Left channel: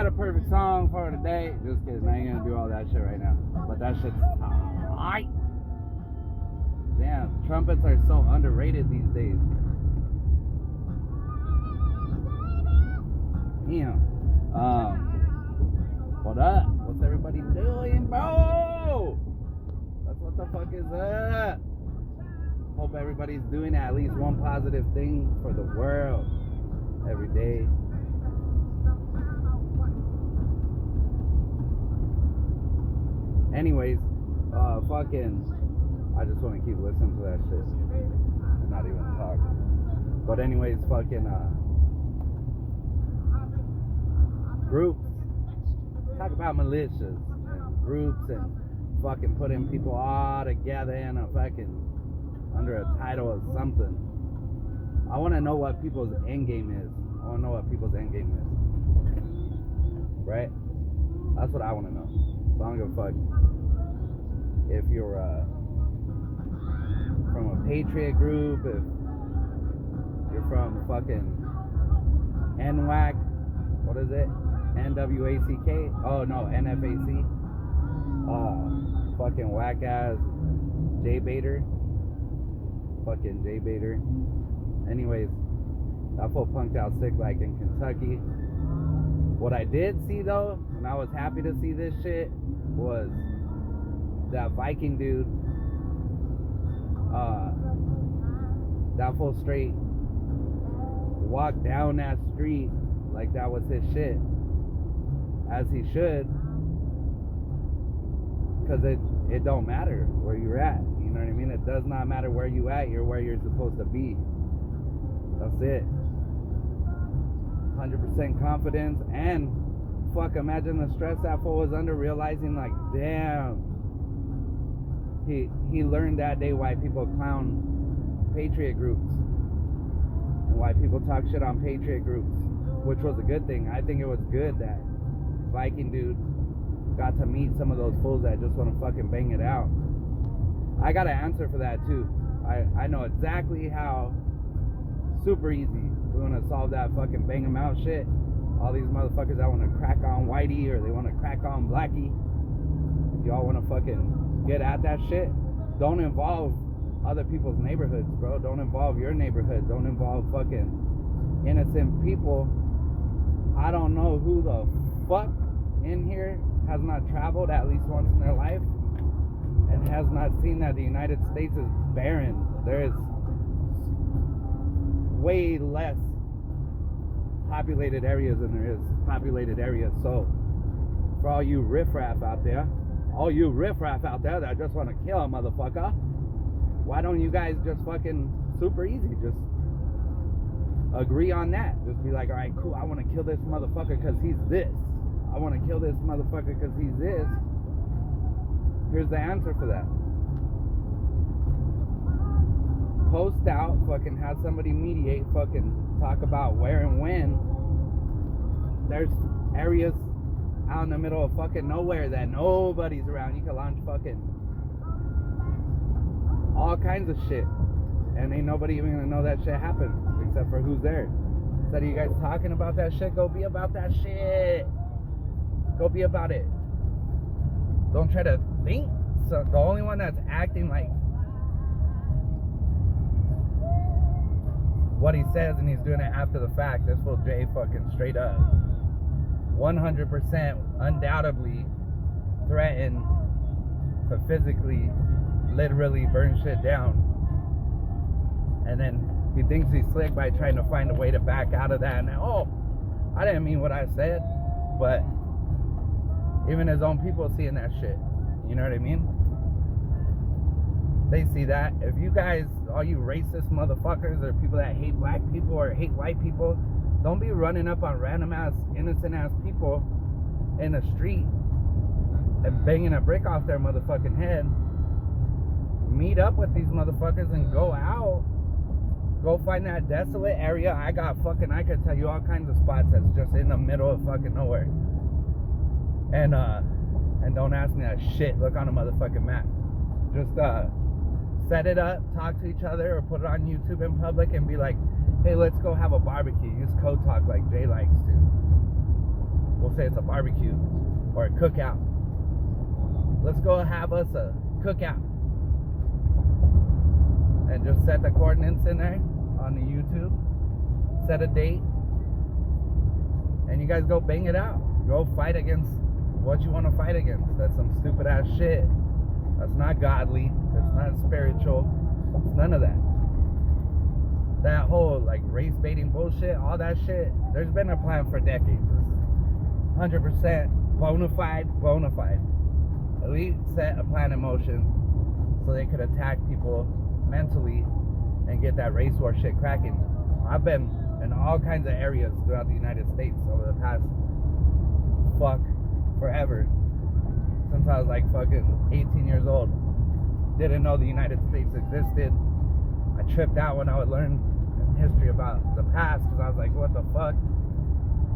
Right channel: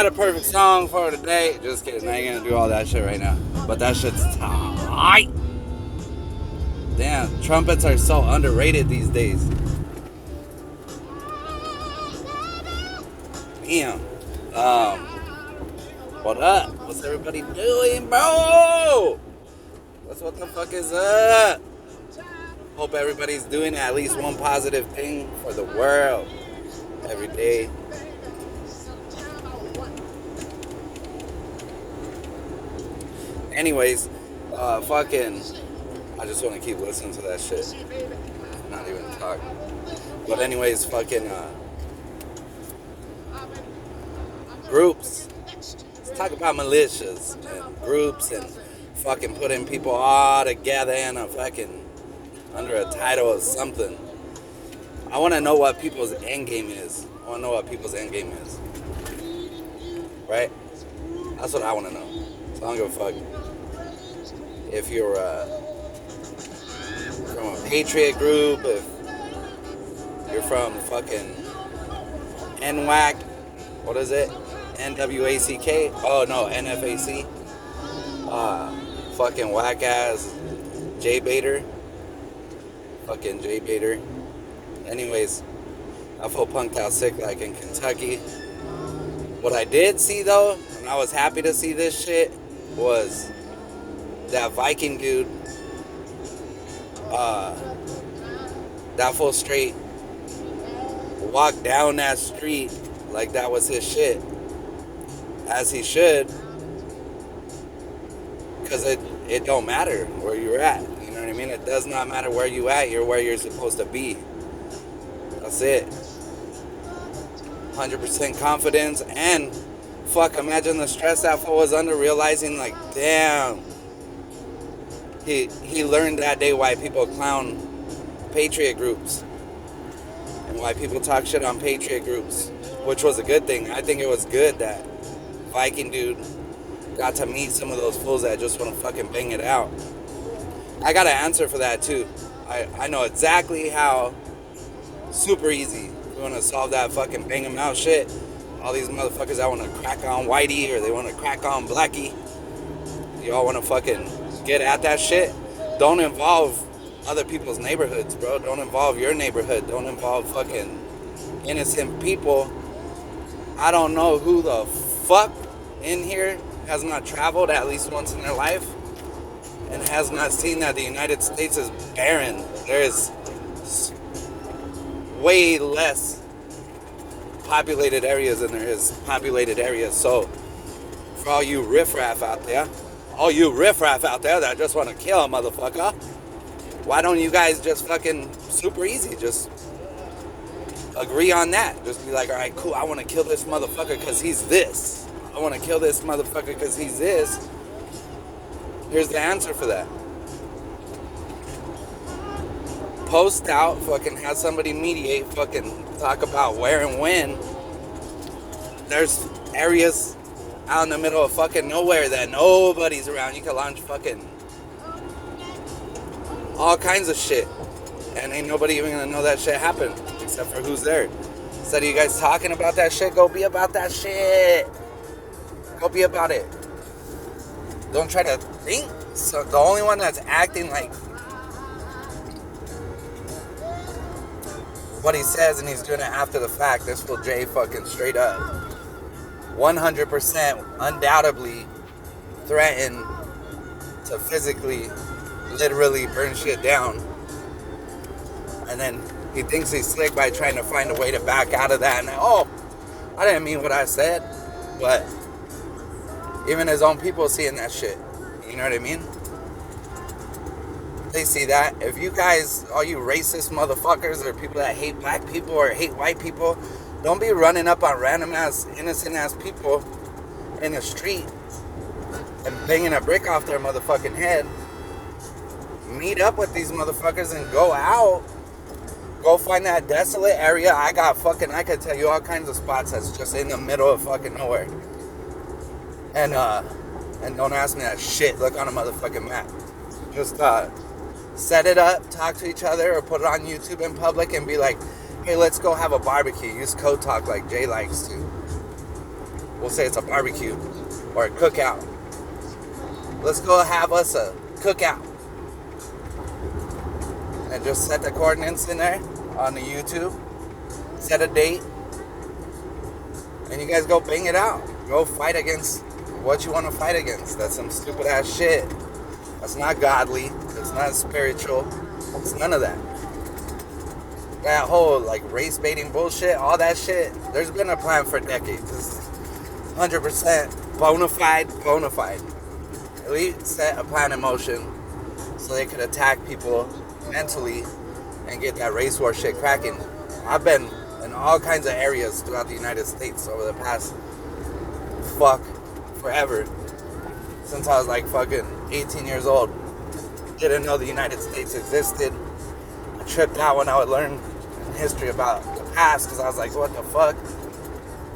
had a perfect song for today. Just kidding. I ain't gonna do all that shit right now. But that shit's tight. Damn, trumpets are so underrated these days. Damn. What up? What's everybody doing, bro? That's what the fuck is up. Hope everybody's doing at least one positive thing for the world every day. Anyways, I just want to keep listening to that shit. Not even talk. But anyways, groups. Let's talk about militias and groups and fucking putting people all together in a fucking under a title of something. I want to know what people's end game is. Right? That's what I want to know. So I don't give a fuck if you're from a patriot group, if you're from fucking Nfac, what is it? NWACK? Oh no, NFAC. Fucking whack ass J-baiter. Fucking J-baiter. Anyways, I feel punked out sick like in Kentucky. What I did see though, and I was happy to see this shit, was that Viking dude, that fool straight walked down that street like that was his shit, as he should, because it don't matter where you're at, you know what I mean? It does not matter where you at, you're where you're supposed to be. That's it. 100% confidence, and fuck, imagine the stress that fool was under, realizing like, damn, he learned that day why people clown patriot groups and why people talk shit on patriot groups, which was a good thing. I think it was good that Viking dude got to meet some of those fools that just want to fucking bang it out. I got an answer for that too. I know exactly how. Super easy. We want to solve that fucking bang them out shit. All these motherfuckers that want to crack on Whitey or they want to crack on Blackie. Y'all want to fucking get at that shit. Don't involve other people's neighborhoods, bro. Don't involve your neighborhood. Don't involve fucking innocent people. I don't know who the fuck in here has not traveled at least once in their life and has not seen that the United States is barren. There's way less populated areas than there is populated areas. So for all you riffraff out there that just want to kill a motherfucker, why don't you guys just fucking super easy just agree on that? Just be like, all right, cool, I want to kill this motherfucker because he's this. I want to kill this motherfucker because he's this. Here's the answer for that. Post out, fucking have somebody mediate, fucking talk about where and when. There's areas out in the middle of fucking nowhere that nobody's around. You can launch fucking all kinds of shit, and ain't nobody even gonna know that shit happened except for who's there. Instead of you guys talking about that shit, go be about that shit. Go be about it. Don't try to think. So the only one that's acting like what he says and he's doing it after the fact, this fool Jay fucking straight up 100% undoubtedly threatened to physically literally burn shit down, and then he thinks he's slick by trying to find a way to back out of that, and I didn't mean what I said. But even his own people seeing that shit, you know what I mean? They see that. If you guys, all you racist motherfuckers or people that hate black people or hate white people, don't be running up on random ass, innocent ass people in the street and banging a brick off their motherfucking head. Meet up with these motherfuckers and go out. Go find that desolate area. I could tell you all kinds of spots that's just in the middle of fucking nowhere. And don't ask me that shit. Look on a motherfucking map. Just, set it up, talk to each other, or put it on YouTube in public and be like, hey, let's go have a barbecue. Use code talk like Jay likes to. We'll say it's a barbecue or a cookout. Let's go have us a cookout. And just set the coordinates in there on the YouTube. Set a date. And you guys go bang it out. Go fight against what you want to fight against. That's some stupid ass shit. That's not godly. That's not spiritual. It's none of that. That whole like race baiting bullshit, all that shit, there's been a plan for decades. This is 100% bona fide. Elite set a plan in motion so they could attack people mentally and get that race war shit cracking. I've been in all kinds of areas throughout the United States over the past forever. Since I was like fucking 18 years old. Didn't know the United States existed. I tripped out when I would learn history about the past because I was like, what the fuck?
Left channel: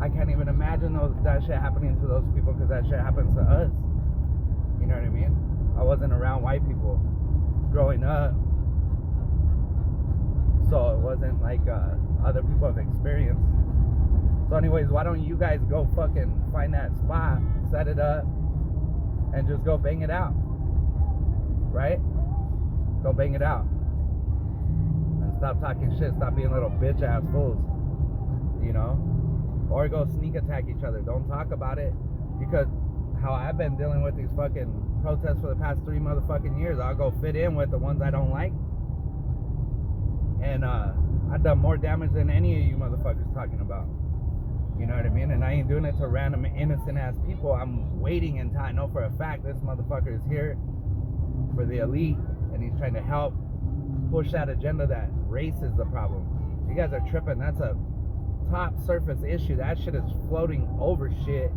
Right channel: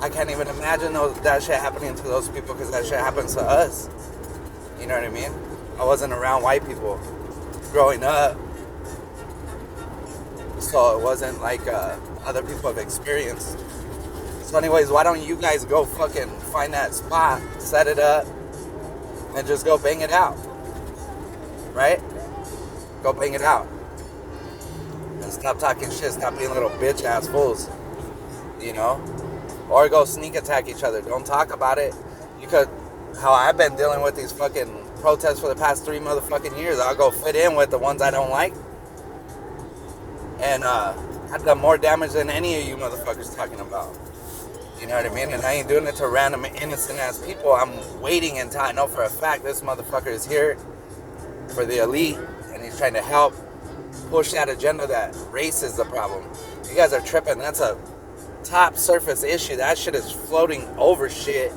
I can't even imagine that shit happening to those people because that shit happens to us. You know what I mean? I wasn't around white people growing up. So it wasn't like other people have experienced. So anyways, why don't you guys go fucking find that spot, set it up, and just go bang it out. Right? Go bang it out. And stop talking shit. Stop being little bitch ass fools. You know? Or go sneak attack each other. Don't talk about it. You could, how I've been dealing with these fucking protests for the past 3 motherfucking years. I'll go fit in with the ones I don't like. And I've done more damage than any of you motherfuckers talking about. You know what I mean? And I ain't doing it to random innocent ass people. I'm waiting until I know for a fact this motherfucker is here for the elite and he's trying to help push that agenda that race is the problem. You guys are tripping. That's a top surface issue. That shit is floating over shit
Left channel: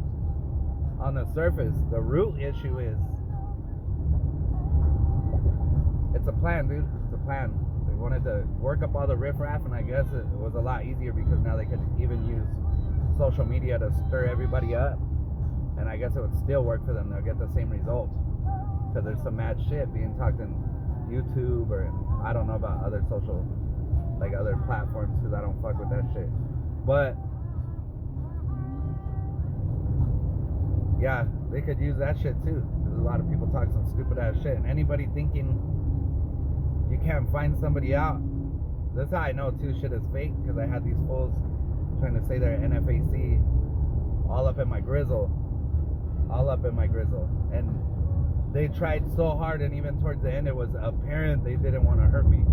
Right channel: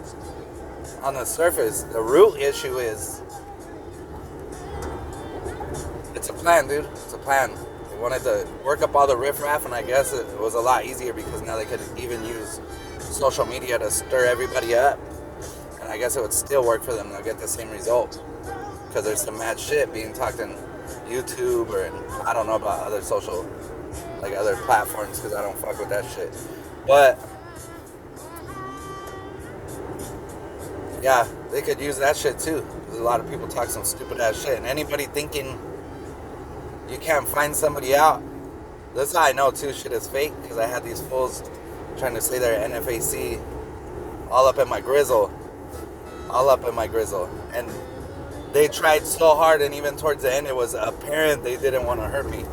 on the surface. The root issue is it's a plan, dude. It's a plan. They wanted to work up all the riffraff, and I guess it was a lot easier because now they could even use social media to stir everybody up. And I guess it would still work for them. They'll get the same result because there's some mad shit being talked in YouTube or in, I don't know about other social, like other platforms because I don't fuck with that shit. But yeah, they could use that shit too. There's a lot of people talk some stupid ass shit, and anybody thinking you can't find somebody out, that's how I know too shit is fake, because I had these fools trying to say they're NFAC all up in my grizzle, and they tried so hard, and even towards the end it was apparent they didn't want to hurt me.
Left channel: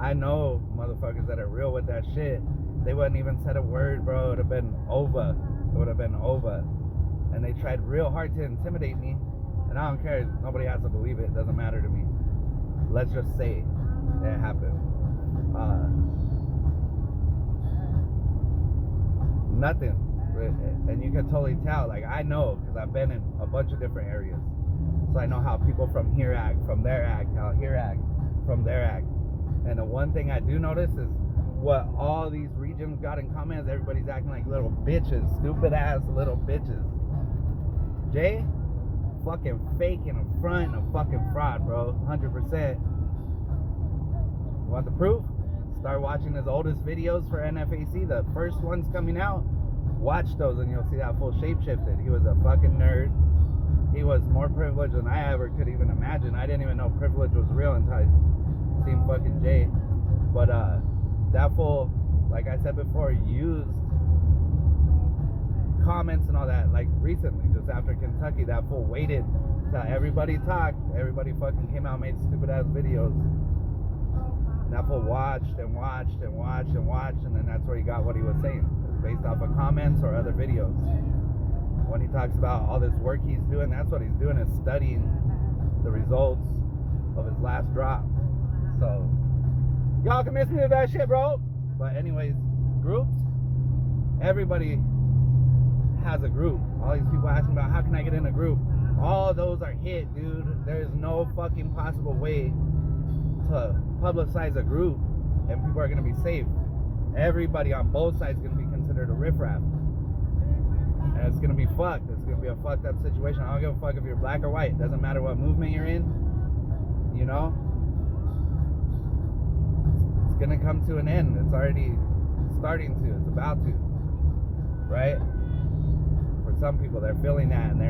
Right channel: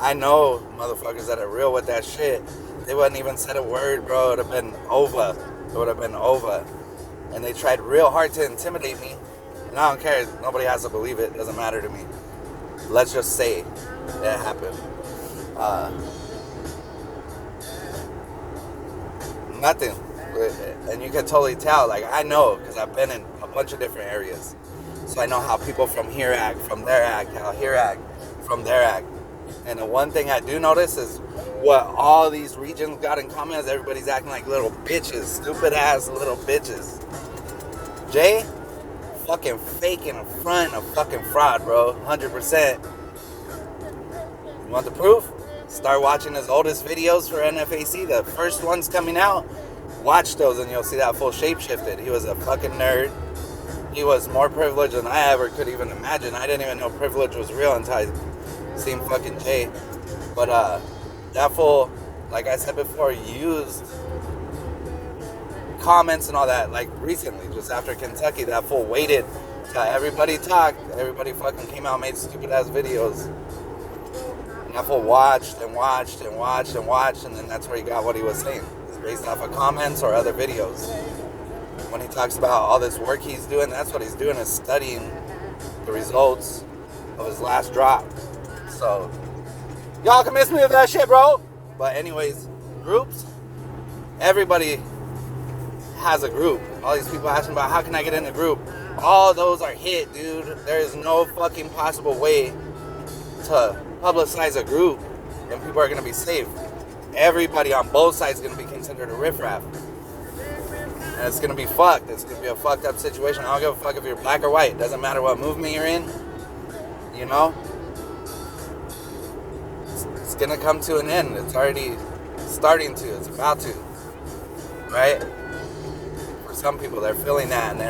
I know motherfuckers that are real with that shit. They wouldn't even said a word, bro. It would have been over. And they tried real hard to intimidate me, and I don't care. Nobody has to believe it. It doesn't matter to me. Let's just say it happened. Nothing. And you can totally tell. Like, I know, because I've been in a bunch of different areas. So I know how people from here act, from there act, how here act, from there act. And the one thing I do notice is what all these regions got in common is everybody's acting like little bitches. Stupid ass little bitches. Jay, fucking fake in the front, a fucking fraud, bro. 100%. You want the proof? Start watching his oldest videos for NFAC. The first ones coming out. Watch those and you'll see that full shapeshifted. He was a fucking nerd. He was more privileged than I ever could even imagine. I didn't even know privilege was real until I seen fucking Jay. But that fool, like I said before, used comments and all that, like recently, just after Kentucky. That fool waited till everybody talked. Everybody fucking came out and made stupid ass videos. And that fool watched, and then that's where he got what he was saying. It's based off of comments or other videos. When he talks about all this work he's doing, that's what he's doing, is studying the results of his last drop. So, y'all can miss me with that shit, bro. But anyways, groups, everybody has a group. All these people asking about how can I get in a group. All those are hit, dude. There is no fucking possible way to publicize a group and people are going to be safe. Everybody on both sides is going to be considered a riffraff. And it's going to be fucked. It's going to be a fucked up situation. I don't give a fuck if you're black or white. It doesn't matter what movement you're in. You know? It's going to come to an end. It's already starting to. It's about to. Right? for some people, they're feeling that, and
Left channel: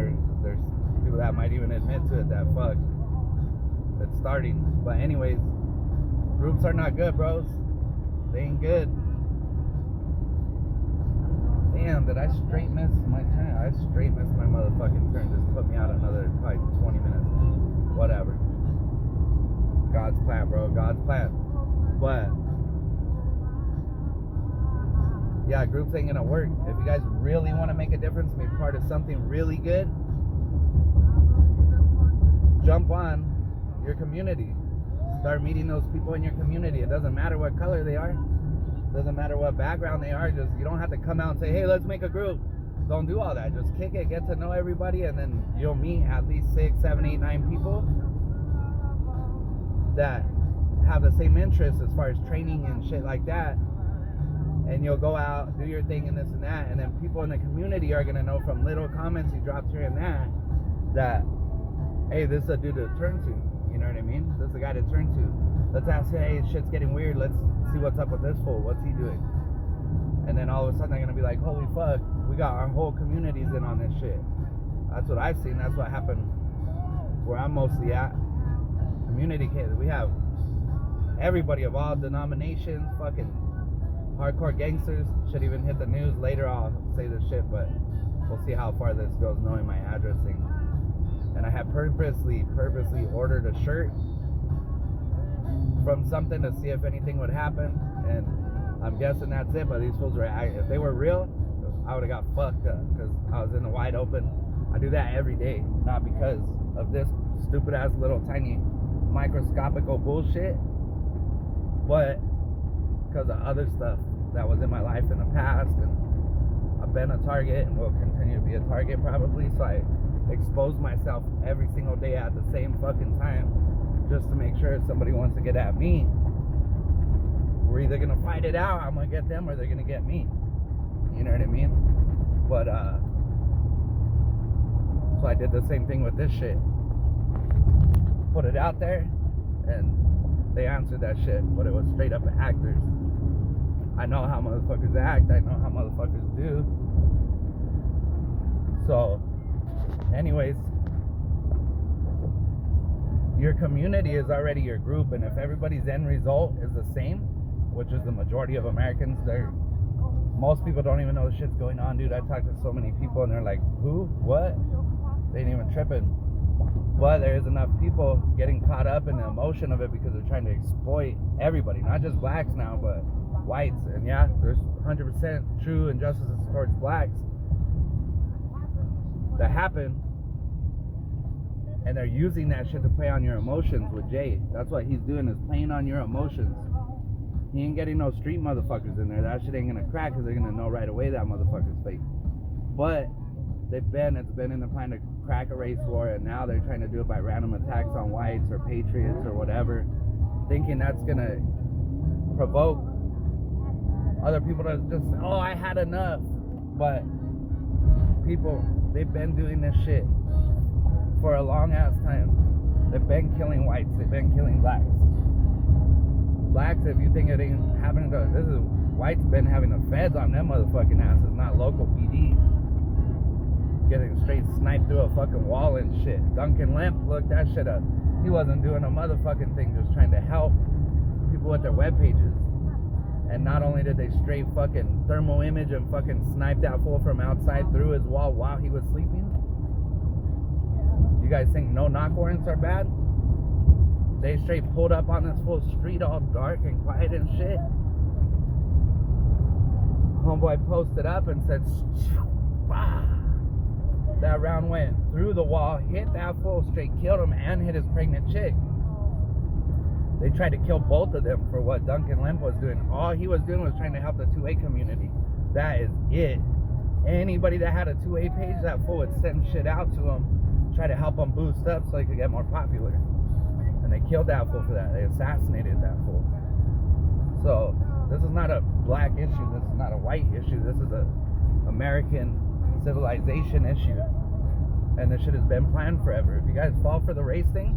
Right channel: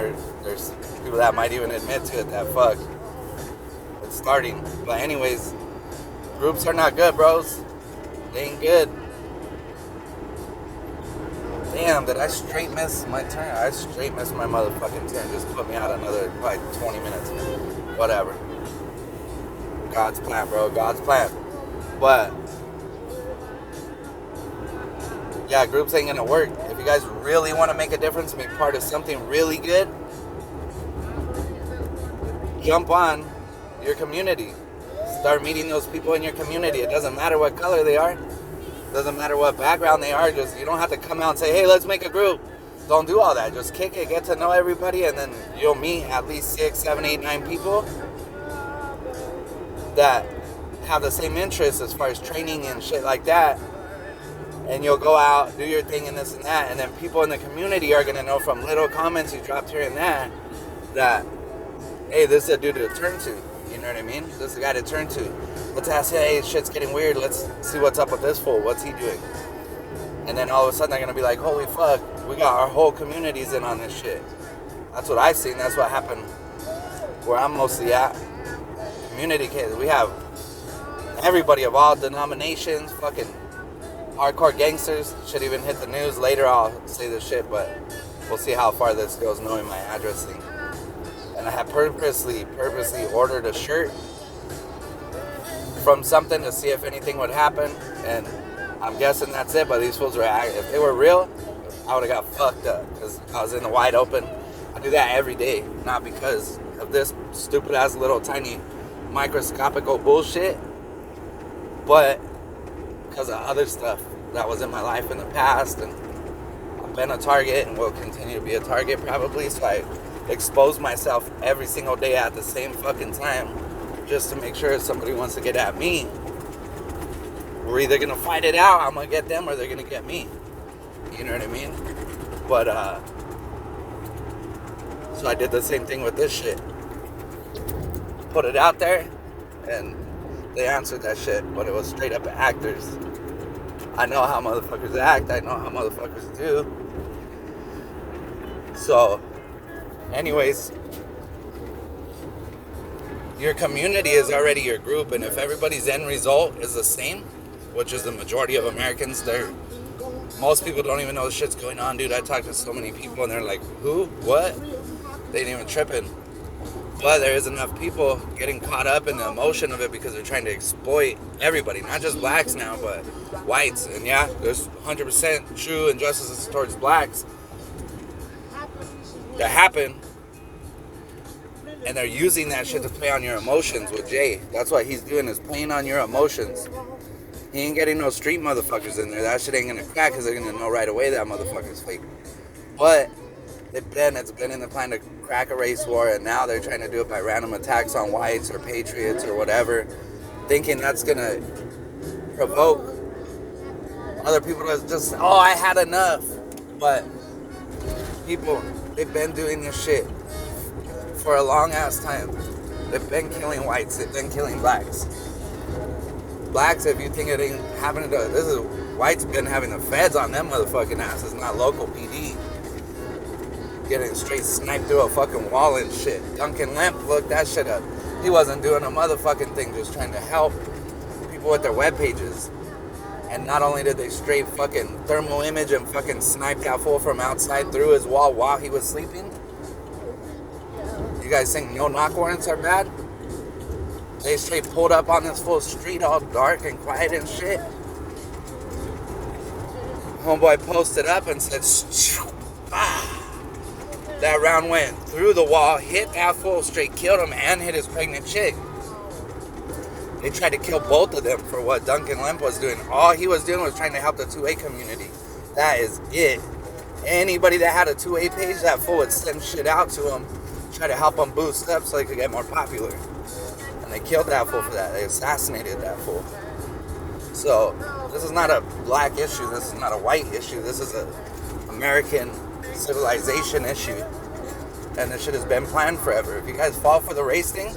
there's people that might even admit to it that fuck, it's starting. But anyways, groups are not good, bros. They ain't good. Damn, did I straight miss my turn? I straight missed my motherfucking turn. Just put me out another, probably 20 minutes. Whatever. God's plan, bro. God's plan. But yeah, groups ain't gonna work. If you guys really want to make a difference and be part of something really good, jump on your community. Start meeting those people in your community. It doesn't matter what color they are. It doesn't matter what background they are. Just, you don't have to come out and say, hey, let's make a group. Don't do all that. Just kick it, get to know everybody, and then you'll meet at least 6, 7, 8, 9 people that have the same interests as far as training and shit like that. And you'll go out, do your thing and this and that, and then people in the community are going to know from little comments you dropped here and there that, hey, this is a dude to turn to. You know what I mean? This is a guy to turn to. Let's ask, hey, shit's getting weird. Let's see what's up with this fool. What's he doing? And then all of a sudden they're going to be like, holy fuck, we got our whole communities in on this shit. That's what I've seen. That's what happened where I'm mostly at. Community kids. We have everybody of all denominations, fucking hardcore gangsters. Should even hit the news. Later I'll say this shit, but we'll see how far this goes knowing my address thing. And I had purposely ordered a shirt from something to see if anything would happen. And I'm guessing that's it, but these fools were, if they were real, I would have got fucked up because I was in the wide open. I do that every day, not because of this stupid ass little tiny microscopical bullshit, but because of other stuff that was in my life in the past. And I've been a target and will continue to be a target probably, so I expose myself every single day at the same fucking time just to make sure if somebody wants to get at me, we're either gonna fight it out, I'm gonna get them, or they're gonna get me. You know what I mean? But so I did the same thing with this shit. Put it out there, and they answered that shit, but it was straight up actors. I know how motherfuckers act. I know how motherfuckers do. So, anyways, your community is already your group, and if everybody's end result is the same, which is the majority of Americans, most people don't even know the shit's going on, dude. I talked to so many people, and they're like, who? What? They ain't even tripping. But there is enough people getting caught up in the emotion of it because they're trying to exploit everybody, not just blacks now, but whites. And yeah, there's 100% true injustices towards blacks that happen, and they're using that shit to play on your emotions with Jay. That's what he's doing, is playing on your emotions. He ain't getting no street motherfuckers in there. That shit ain't gonna crack because they're gonna know right away that motherfucker's fake. But it's been in the plan to crack a race war, and now they're trying to do it by random attacks on whites or patriots or whatever, thinking that's gonna provoke other people to just, oh, I had enough. But people, they've been doing this shit for a long ass time. They've been killing whites, they've been killing blacks. Blacks, if you think it ain't happening to, this is, whites been having the feds on them motherfucking asses, not local PD. Getting straight sniped through a fucking wall and shit. Duncan Lemp, look that shit up. He wasn't doing a motherfucking thing, just trying to help people with their web pages. And not only did they straight fucking thermal image and fucking snipe that fool from outside through his wall while he was sleeping. You guys think no knock warrants are bad? They straight pulled up on this full street all dark and quiet and shit. Homeboy posted up and said, ah. That round went through the wall, hit that fool, straight killed him, and hit his pregnant chick. They tried to kill both of them for what Duncan Lemp was doing. All he was doing was trying to help the 2A community. That is it. Anybody that had a 2A page, that fool would send shit out to him, try to help him boost up so he could get more popular. And they killed that fool for that. They assassinated that fool. So, this is not a black issue. This is not a white issue. This is a American civilization issue. And this shit has been planned forever. If you guys fall for the race thing,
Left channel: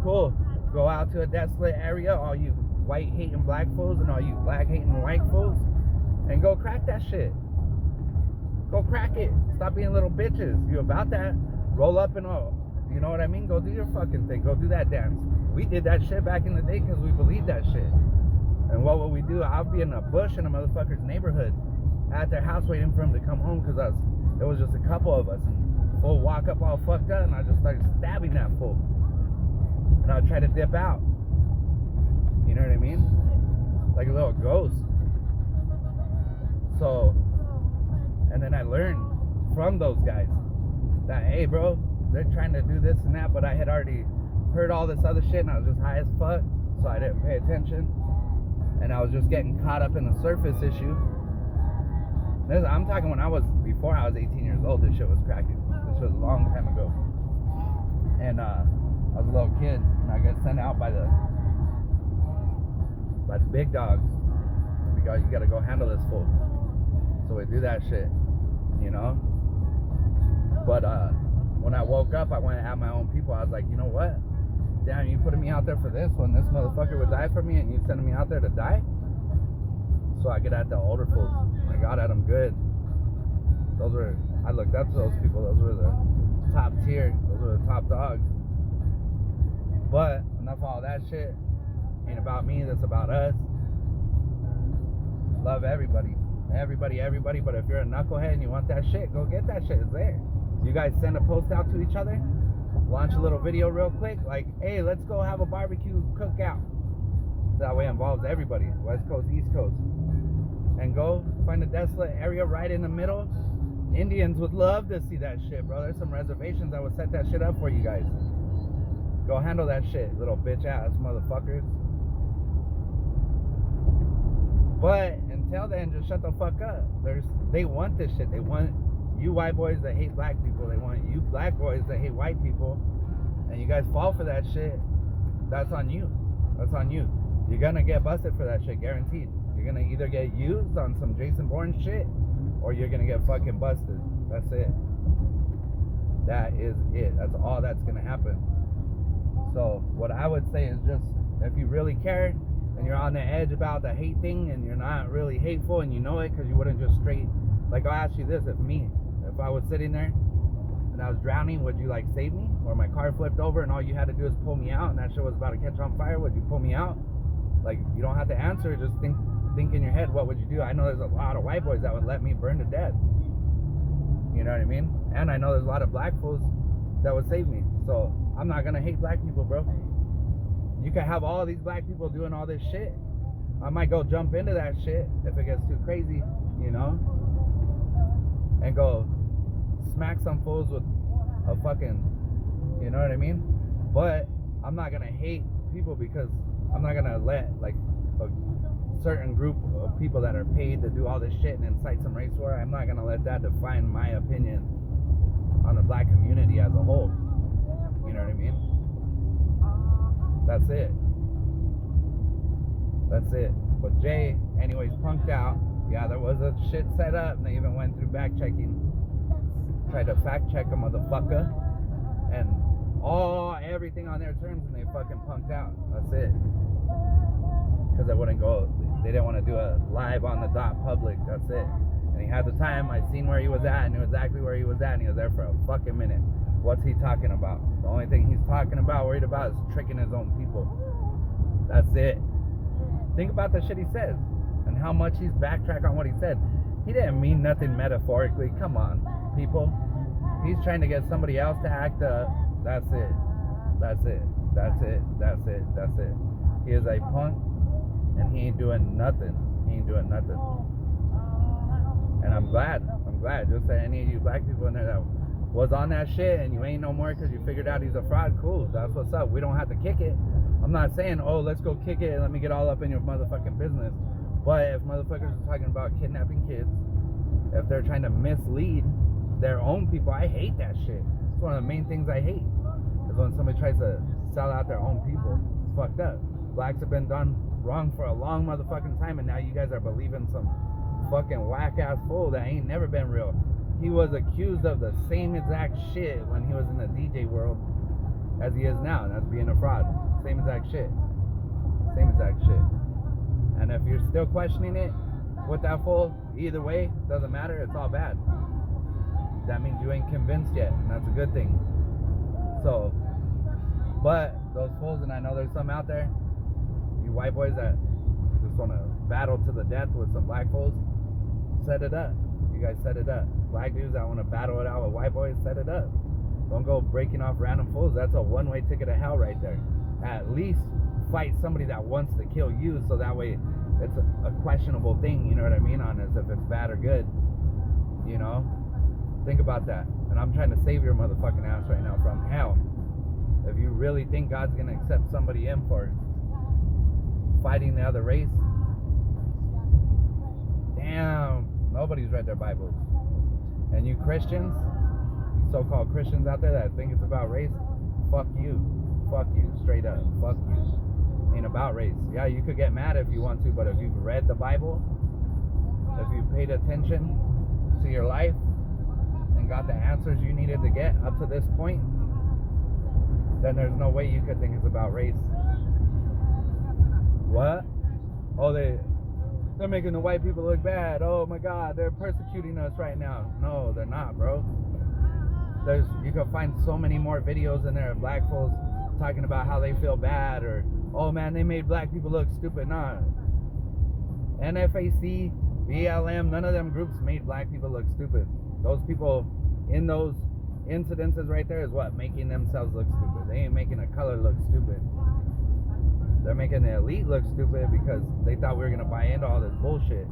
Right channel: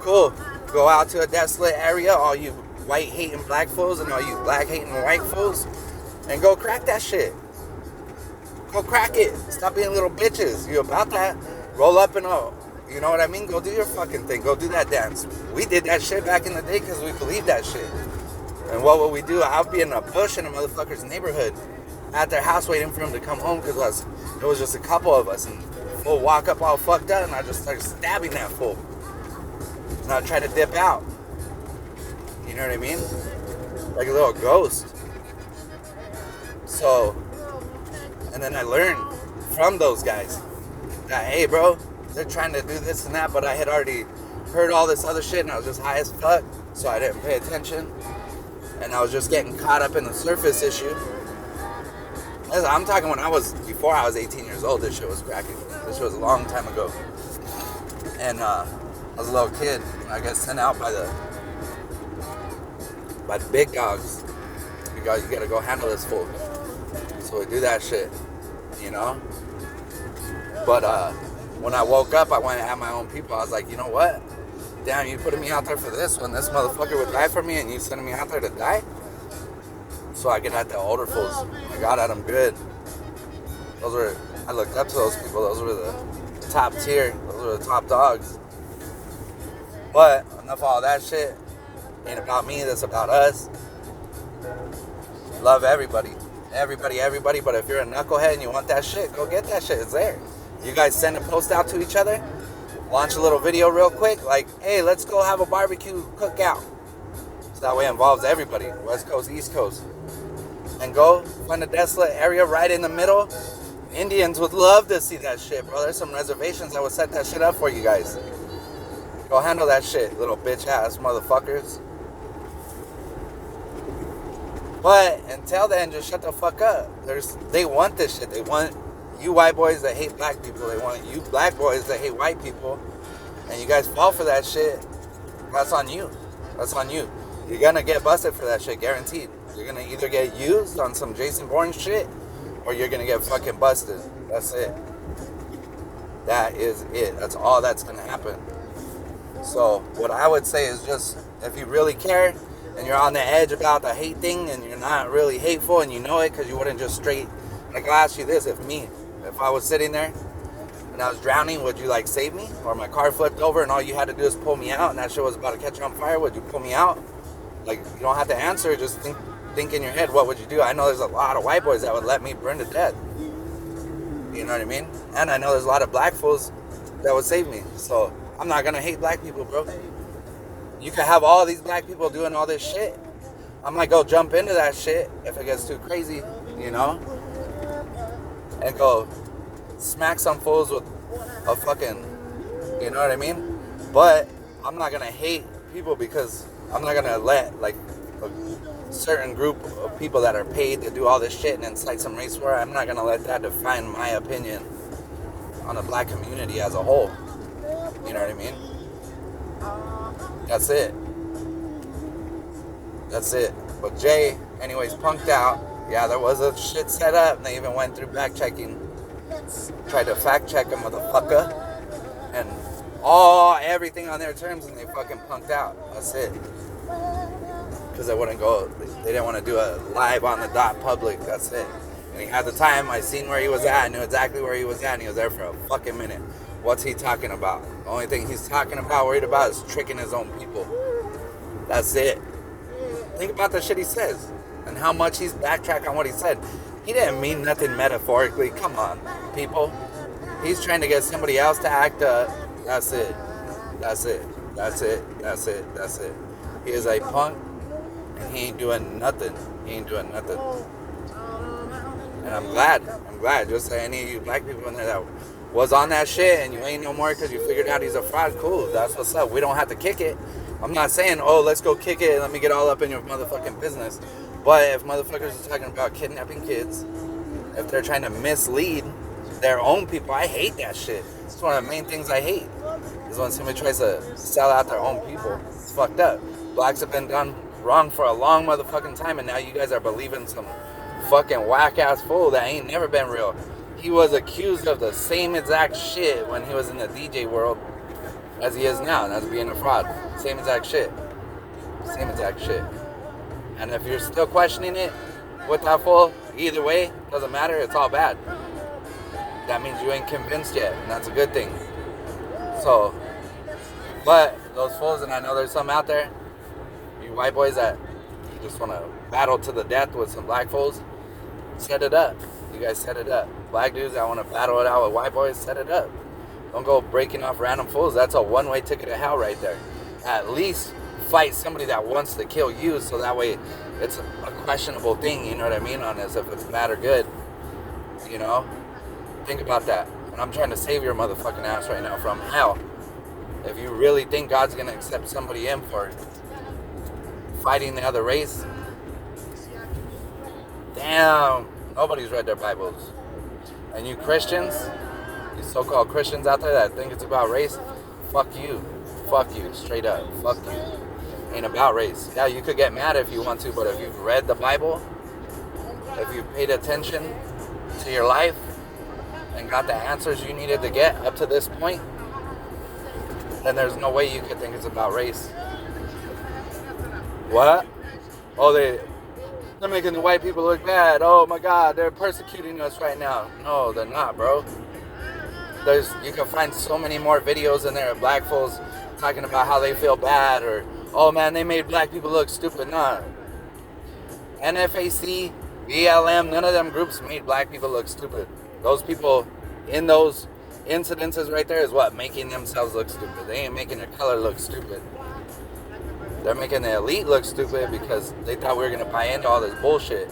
cool. Go out to a desolate area, all you white hating black fools and all you black hating white fools, and go crack that shit. Go crack it. Stop being little bitches. You about that? Roll up and all. You know what I mean? Go do your fucking thing. Go do that dance. We did that shit back in the day because we believed that shit. And what would we do? I'll be in a bush in a motherfucker's neighborhood at their house waiting for him to come home because it was just a couple of us. And we'll walk up all fucked up and I just started stabbing that fool. And I'll try to dip out. You know what I mean? Like a little ghost. So, and then I learned from those guys that, hey, bro, they're trying to do this and that, but I had already heard all this other shit and I was just high as fuck, so I didn't pay attention. And I was just getting caught up in the surface issue. I'm talking before I was 18 years old, this shit was cracking. This shit was a long time ago. And I was a little kid and I got sent out by the big dogs. You gotta go handle this fool. So we do that shit, you know? But when I woke up, I went at my own people. I was like, you know what? Damn, you putting me out there for this when this motherfucker would die for me and you sending me out there to die? So I get at the older fools. I got at them good. I looked up to those people. Those were the top tier. Those were the top dogs. But enough of all that shit. Ain't about me. That's about us. Love everybody. Everybody. But if you're a knucklehead and you want that shit, go get that shit. It's there. You guys send a post out to each other. Launch a little video real quick. Like, hey, let's go have a barbecue cookout. So that way it involves everybody. West Coast, East Coast. And go find a desolate area right in the middle. Indians would love to see that shit, bro. There's some reservations that would set that shit up for you guys. Go handle that shit, little bitch ass motherfuckers. But until then, just shut the fuck up. They want this shit. They want you white boys that hate black people. They want you black boys that hate white people. And you guys fall for that shit. That's on you. That's on you. You're gonna get busted for that shit, guaranteed. You're gonna either get used on some Jason Bourne shit, or you're gonna get fucking busted. That's it. That is it. That's all that's gonna happen. So what I would say is just, if you really care and you're on the edge about the hate thing and you're not really hateful and you know it, because you wouldn't just straight, like, I'll ask you this, if I was sitting there and I was drowning, would you like save me? Or my car flipped over and all you had to do is pull me out and that shit was about to catch on fire, would you pull me out? Like, you don't have to answer, just think in your head, what would you do? I know there's a lot of white boys that would let me burn to death. You know what I mean? And I know there's a lot of black fools that would save me. So I'm not gonna hate black people, bro. You can have all these black people doing all this shit. I might go jump into that shit if it gets too crazy, you know? And go smack some fools with a fucking, you know what I mean? But I'm not gonna hate people because I'm not gonna let, like, a certain group of people that are paid to do all this shit and incite some race war, I'm not gonna let that define my opinion on the black community as a whole. You know what I mean? That's it. But Jay, anyways, punked out. Yeah, there was a shit set up, and they even went through back checking. Tried to fact check a motherfucker. And everything on their terms, and they fucking punked out. That's it. Because they didn't want to do a live on the dot public. That's it. And he had the time. I seen where he was at. I knew exactly where he was at, and he was there for a fucking minute. What's he talking about? The only thing he's worried about is tricking his own people. That's it. Think about the shit he says and how much he's backtracked on what he said. He didn't mean nothing metaphorically. Come on, people. He's trying to get somebody else to act up. That's it. He is a punk, and he ain't doing nothing. And I'm glad. Just that any of you black people in there that was on that shit and you ain't no more because you figured out he's a fraud, cool. That's what's up. We don't have to kick it. I'm not saying, oh, let's go kick it and let me get all up in your motherfucking business. But if motherfuckers are talking about kidnapping kids, if they're trying to mislead their own people, I hate that shit. It's one of the main things I hate, is when somebody tries to sell out their own people. It's fucked up. Blacks have been done wrong for a long motherfucking time, and now you guys are believing some fucking whack-ass fool that ain't never been real. He was accused of the same exact shit when he was in the DJ world as he is now, and that's being a fraud. Same exact shit. And if you're still questioning it with that fool, either way, doesn't matter, it's all bad. that means you ain't convinced yet, and that's a good thing. So, but those fools, and I know there's some out there, you white boys that just want to battle to the death with some black fools, set it up. You guys set it up. Black dudes that want to battle it out with white boys, set it up. Don't go breaking off random fools. That's a one-way ticket to hell right there. At least fight somebody that wants to kill you, so that way it's a questionable thing, you know what I mean, on this, if it's bad or good, you know? Think about that. And I'm trying to save your motherfucking ass right now from hell. If you really think God's going to accept somebody in for fighting the other race, damn, nobody's read their Bibles. And you Christians, you so-called Christians out there that think it's about race, fuck you, straight up, fuck you. Ain't about race. Yeah, you could get mad if you want to, but if you've read the Bible, if you've paid attention to your life and got the answers you needed to get up to this point, then there's no way you could think it's about race. What? Oh, they're making the white people look bad. Oh my God, they're persecuting us right now. No, they're not, bro. You can find so many more videos in there of black folks talking about how they feel bad, or, oh man, they made black people look stupid. Nah. NFAC, BLM, none of them groups made black people look stupid. Those people in those incidences right there is what? Making themselves look stupid. They ain't making the color look stupid. They're making the elite look stupid because they thought we were going to buy into all this bullshit.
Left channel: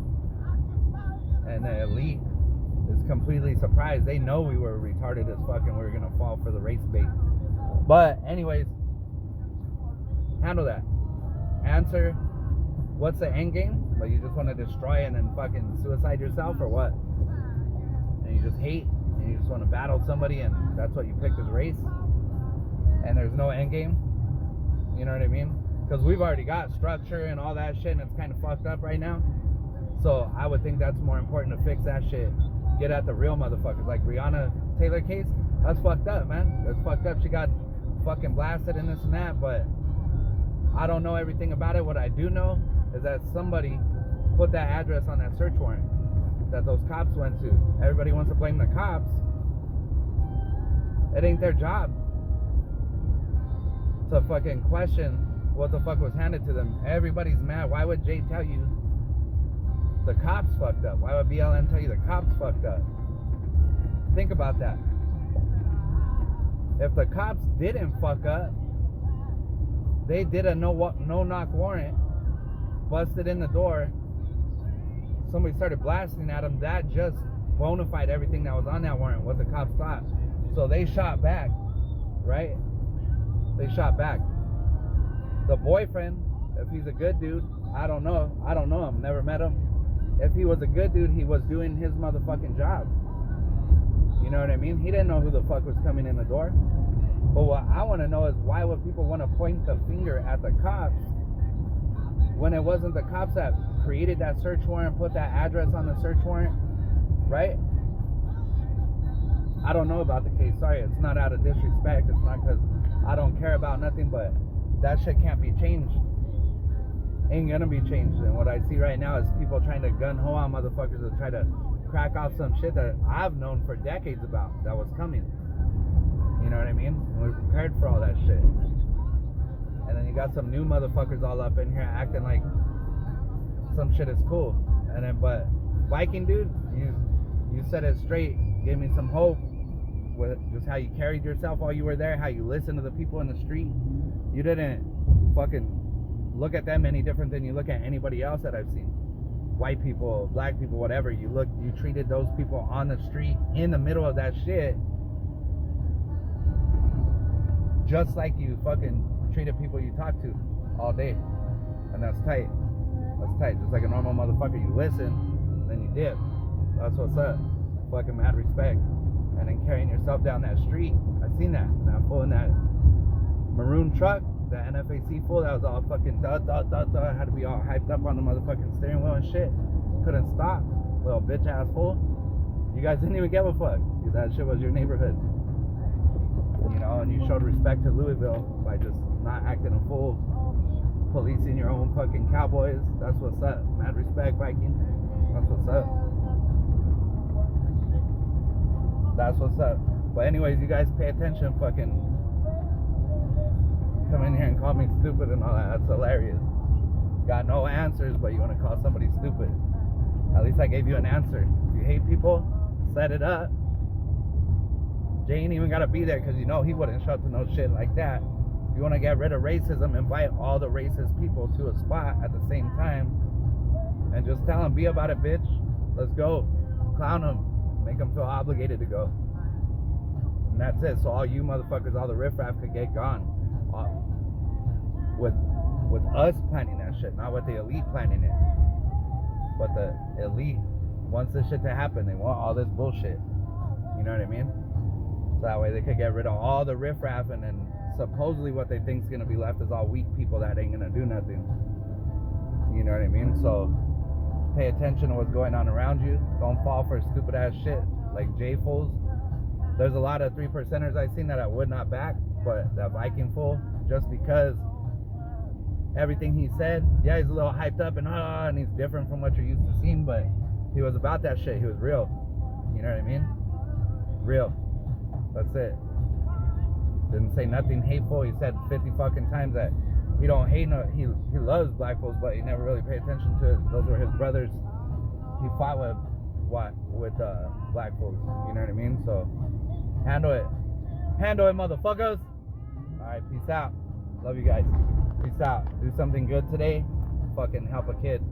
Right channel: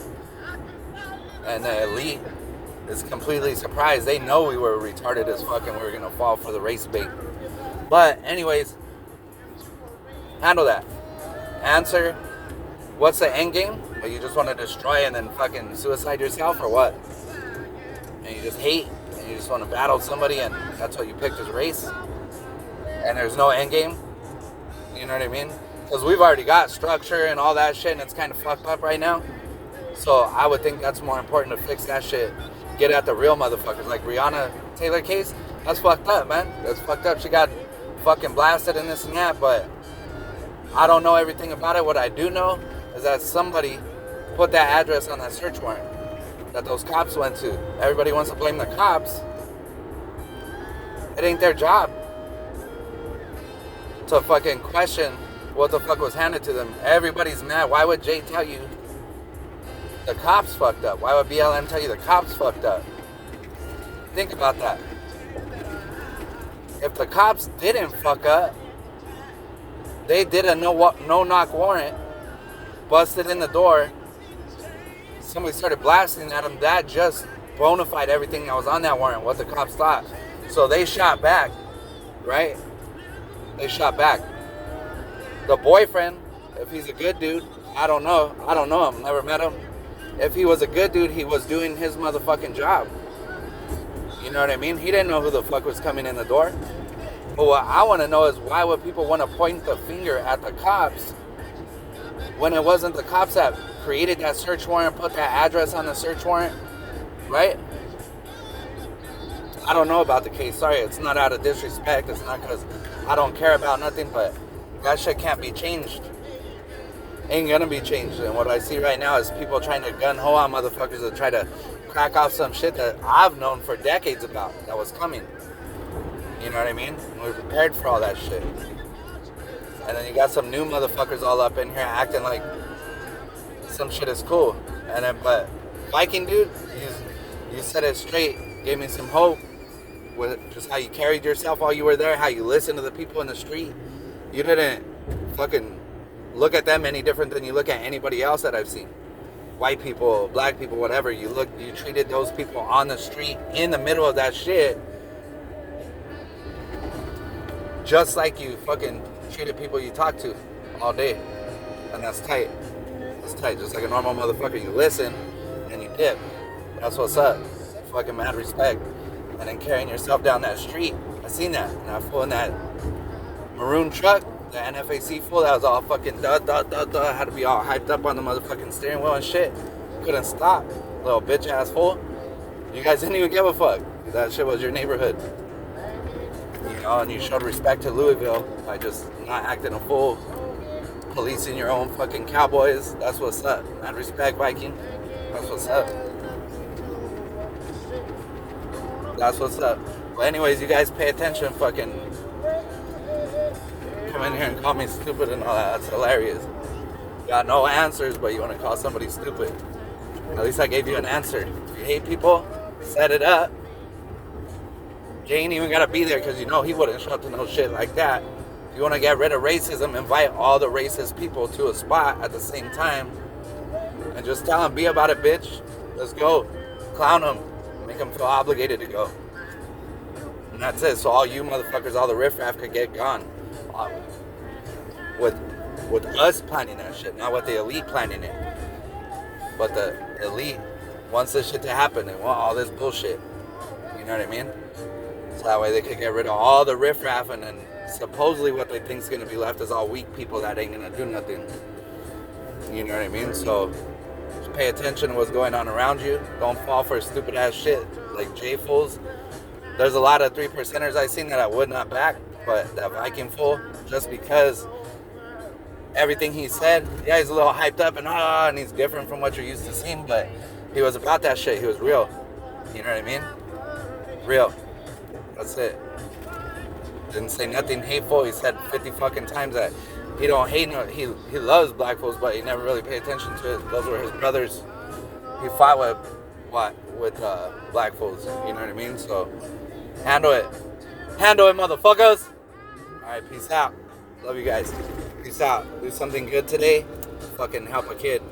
And the elite is completely surprised. They know we were retarded as fuck and we were going to fall for the race bait. But anyways, handle that. Answer, what's the end game? Well, you just want to destroy and then fucking suicide yourself, or what? And you just hate and you just want to battle somebody and that's what you picked as race? And there's no end game? You know what I mean? Because we've already got structure and all that shit and it's kind of fucked up right now. So I would think that's more important to fix that shit. Get at the real motherfuckers. Like Breonna Taylor case, that's fucked up, man. That's fucked up. She got fucking blasted and this and that, but I don't know everything about it. What I do know is that somebody put that address on that search warrant that those cops went to. Everybody wants to blame the cops. It ain't their job to fucking question what the fuck was handed to them. Everybody's mad. Why would Jay tell you the cops fucked up? Why would BLM tell you the cops fucked up? Think about that. If the cops didn't fuck up, they did a no-knock warrant, busted in the door, somebody started blasting at them, that just bona fide everything that was on that warrant, what the cops thought. So they shot back, right? They shot back. The boyfriend, if he's a good dude, I don't know him, never met him. If he was a good dude, he was doing his motherfucking job. You know what I mean? He didn't know who the fuck was coming in the door. But what I want to know is, why would people want to point the finger at the cops when it wasn't the cops that created that search warrant, put that address on the search warrant, right? I don't know about the case. Sorry, it's not out of disrespect. It's not because I don't care about nothing, but that shit can't be changed. Ain't gonna be changed. And what I see right now is people trying to gun-ho on motherfuckers to try to crack off some shit that I've known for decades about that was coming. You know what I mean? And we're prepared for all that shit. And then you got some new motherfuckers all up in here acting like some shit is cool. And then, but Viking dude, you said it straight, gave me some hope with just how you carried yourself while you were there, how you listened to the people in the street. You didn't fucking look at them any different than you look at anybody else that I've seen. White people, black people, whatever. You treated those people on the street in the middle of that shit just like you fucking treated people you talk to all day. And that's tight. That's tight. Just like a normal motherfucker. You listen and you dip. That's what's up. Fucking mad respect. And then carrying yourself down that street. I seen that. And I flew in that maroon truck, the NFAC fool that was all fucking had to be all hyped up on the motherfucking steering wheel and shit. Couldn't stop. Little bitch ass fool. You guys didn't even give a fuck. That shit was your neighborhood. You know, and you showed respect to Louisville by just not acting a fool. Policing your own fucking cowboys. That's what's up. Mad respect, Viking. That's what's up. That's what's up. But anyways, you guys pay attention. Fucking come in here and call me stupid and all that. That's hilarious. Got no answers, but you want to call somebody stupid. At least I gave you an answer. If you hate people, set it up. You ain't even got to be there because you know he wouldn't show up to no shit like that. If you want to get rid of racism, invite all the racist people to a spot at the same time and just tell them, be about it, bitch. Let's go. Clown them. Make them feel obligated to go. And that's it. So all you motherfuckers, all the riffraff could get gone. With us planning that shit, not with the elite planning it. But the elite wants this shit to happen. They want all this bullshit. You know what I mean? So that way they could get rid of all the riffraff, and then supposedly what they think is going to be left is all weak people that ain't going to do nothing. You know what I mean? So just pay attention to what's going on around you. Don't fall for stupid ass shit like J-Fools. There's a lot of 3%ers I've seen that I would not back, but that Viking fool, just because everything he said, yeah, he's a little hyped up and he's different from what you're used to seeing, but he was about that shit. He was real. You know what I mean? Real. That's it. Didn't say nothing hateful. He said 50 fucking times that he don't hate no, he loves black folks, but he never really paid attention to it. Those were his brothers. He fought with black folks. You know what I mean? So handle it, motherfuckers. All right, peace out. Love you guys. Peace out. Do something good today. Fucking help a kid.